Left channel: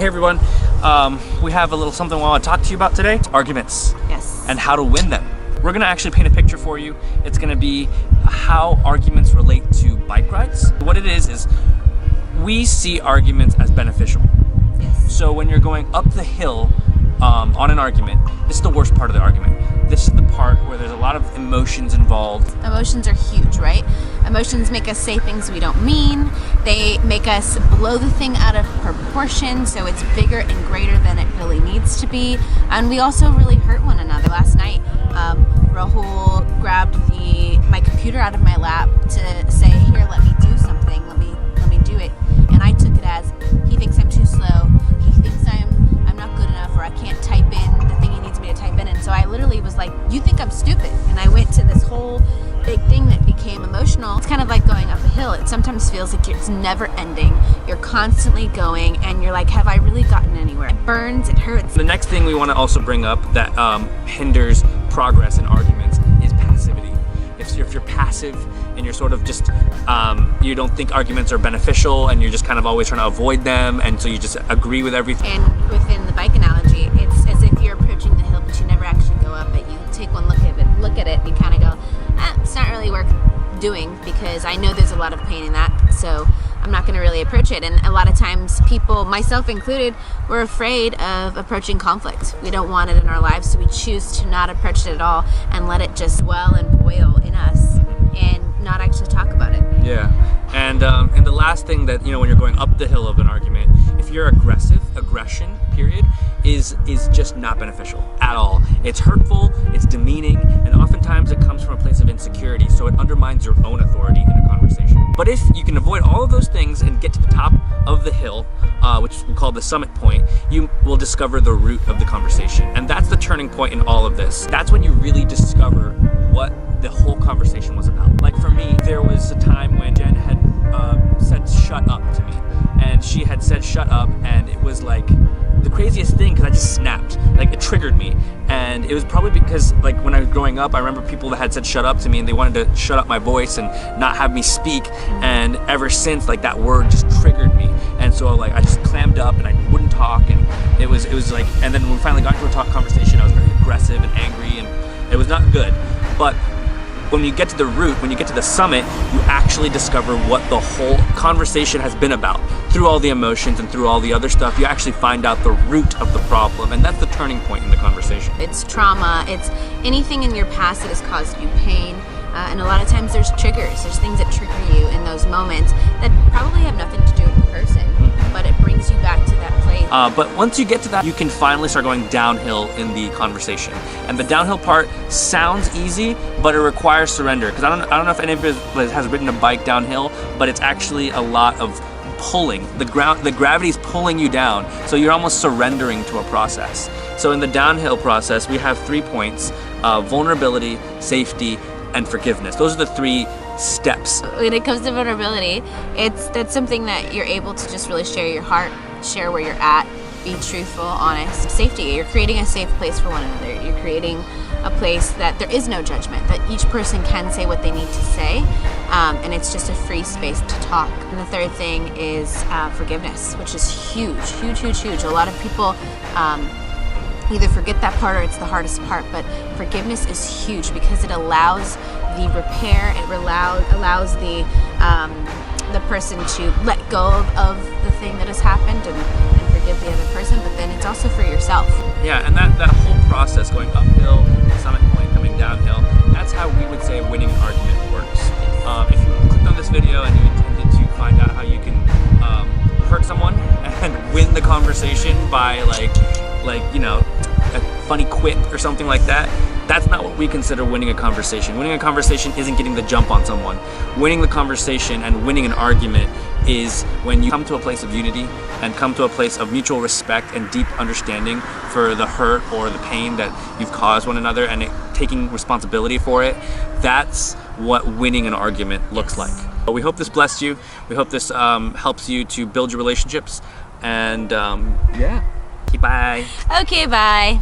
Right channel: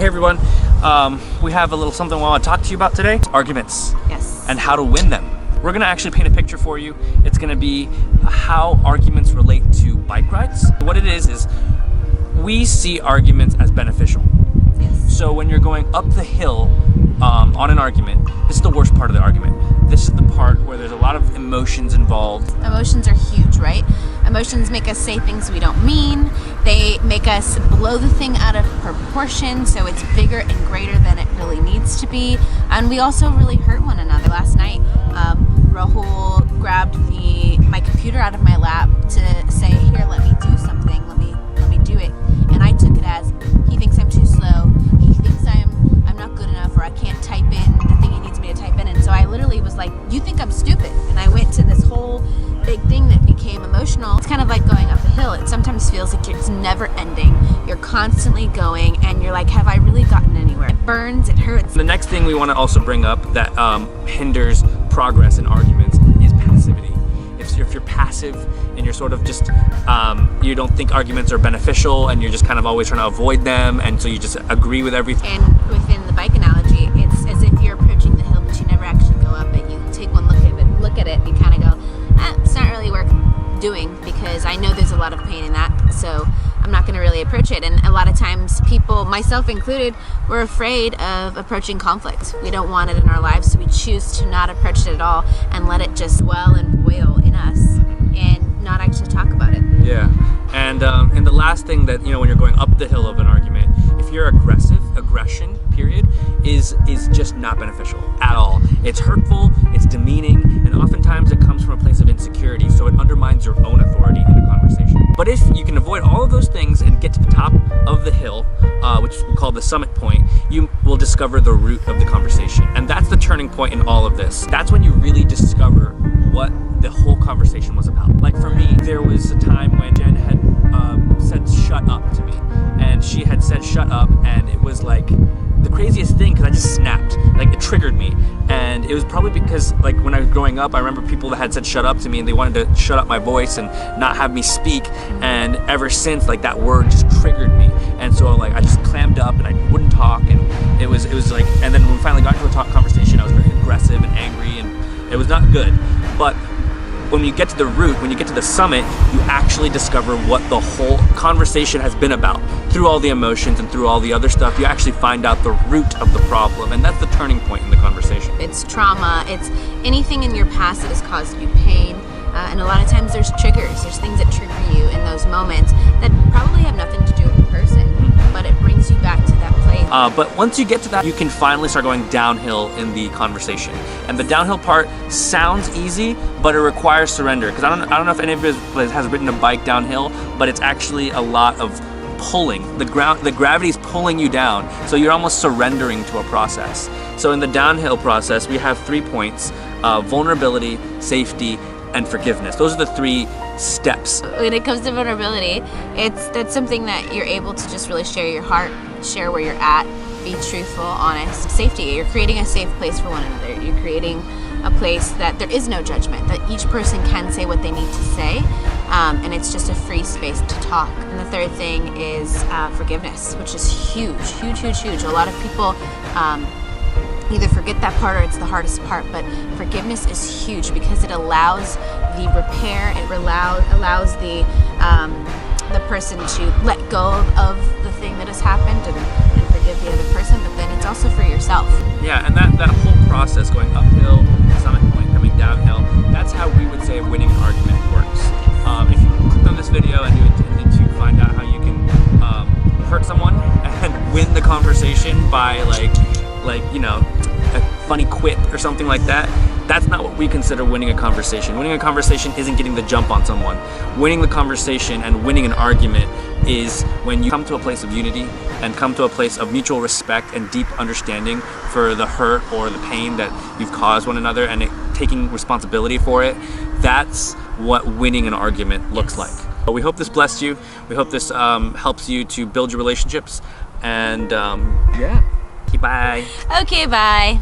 Hey everyone, we have a little something I want to talk to you about today. Arguments. Yes. And how to win them. We're gonna actually paint a picture for you. It's gonna be how arguments relate to bike rides. What it is we see arguments as beneficial. Yes. So when you're going up the hill on an argument, this is the worst part of the argument. This is the part where there's a lot of emotions involved. Emotions are huge, right? Emotions make us say things we don't mean. They make us blow the thing out of proportion, so it's bigger and greater than it really needs to be. And we also really hurt one another. Last night, Rahul grabbed my computer out of my lap to say, "Here, let me do something. Let me do it." And I took it as he thinks I'm too slow. He thinks I'm not good enough, or I can't type in the thing he needs me to type in. And so I literally was like, "You think I'm stupid?" And I went to this whole big thing that became emotional. It's kind of like going up a hill. It sometimes feels like it's never ending. You're constantly going and you're like, have I really gotten anywhere? It burns, it hurts. The next thing we want to also bring up that hinders progress in arguments is passivity. If you're passive and you're sort of just, you don't think arguments are beneficial and you're just kind of always trying to avoid them, and so you just agree with everything. And within the bike analogy, it's as if you're approaching the hill but you never actually go up it. You take one look at it, and you kind of go, it's not really worth doing because I know there's a lot of pain in that, so I'm not going to really approach it. And a lot of times people, myself included, we're afraid of approaching conflict. We don't want it in our lives, so we choose to not approach it at all and let it just swell and boil in us and not actually talk about it. Yeah, and the last thing that, when you're going up the hill of an argument, if you're aggressive, aggression, period, is just not beneficial at all. It's hurtful, it's demeaning, and oftentimes it comes from a place of insecurity, so it undermines your own authority in a conversation. But if you can avoid all of those things and get to the top of the hill, which we call the summit point, you will discover the root of the conversation. And that's the turning point in all of this. That's when you really discover what the whole conversation was about. Like for me, there was a time when Jen had said shut up to me, and she had said shut up, and it was like the craziest thing because I just snapped. Like, it triggered me, and it was probably because, like, when I was growing up, I remember people that had said shut up to me and they wanted to shut up my voice and not have me speak, and ever since, like, that word just triggered me, and so, like, I just clammed up and I wouldn't talk, and it was like, and then when we finally got into a conversation, I was very aggressive and angry, and it was not good. But when you get to the root, when you get to the summit, you actually discover what the whole conversation has been about. Through all the emotions and through all the other stuff, you actually find out the root of the problem, and that's the turning point in the conversation. It's trauma, it's anything in your past that has caused you pain, and a lot of times there's triggers, there's things that trigger you in those moments that probably have nothing to do with the person, but it brings you back to that place. But once you get to that, you can finally start going downhill in the conversation. And the downhill part sounds easy, but it requires surrender. Because I don't know if any of you has ridden a bike downhill, but it's actually a lot of pulling. The gravity's pulling you down, so you're almost surrendering to a process. So in the downhill process, we have 3 points: vulnerability, safety, and forgiveness. Those are the 3 steps. When it comes to vulnerability, that's something that you're able to just really share your heart, share where you're at, be truthful, honest. Safety, you're creating a safe place for one another. You're creating a place that there is no judgment, that each person can say what they need to say, and it's just a free space to talk. And the third thing is forgiveness, which is huge, huge, huge, huge. A lot of people either forget that part or it's the hardest part, but forgiveness is huge because it allows the repair, it allows the person to let go of the thing that has happened and forgive the other person, but then it's also for yourself. Yeah, and that whole process, going uphill, summit point, coming downhill, that's how we would say winning an argument works. If you clicked on this video and you intended to find out how you can hurt someone and win the conversation by like a funny quip or something like that, that's not what we consider winning a conversation. Winning a conversation isn't getting the jump on someone. Winning the conversation and winning an argument is when you come to a place of unity and come to a place of mutual respect and deep understanding for the hurt or the pain that you've caused one another, and taking responsibility for it. That's what winning an argument looks like. But we hope this blessed you. We hope this helps you to build your relationships. And yeah, okay, bye. Okay, bye.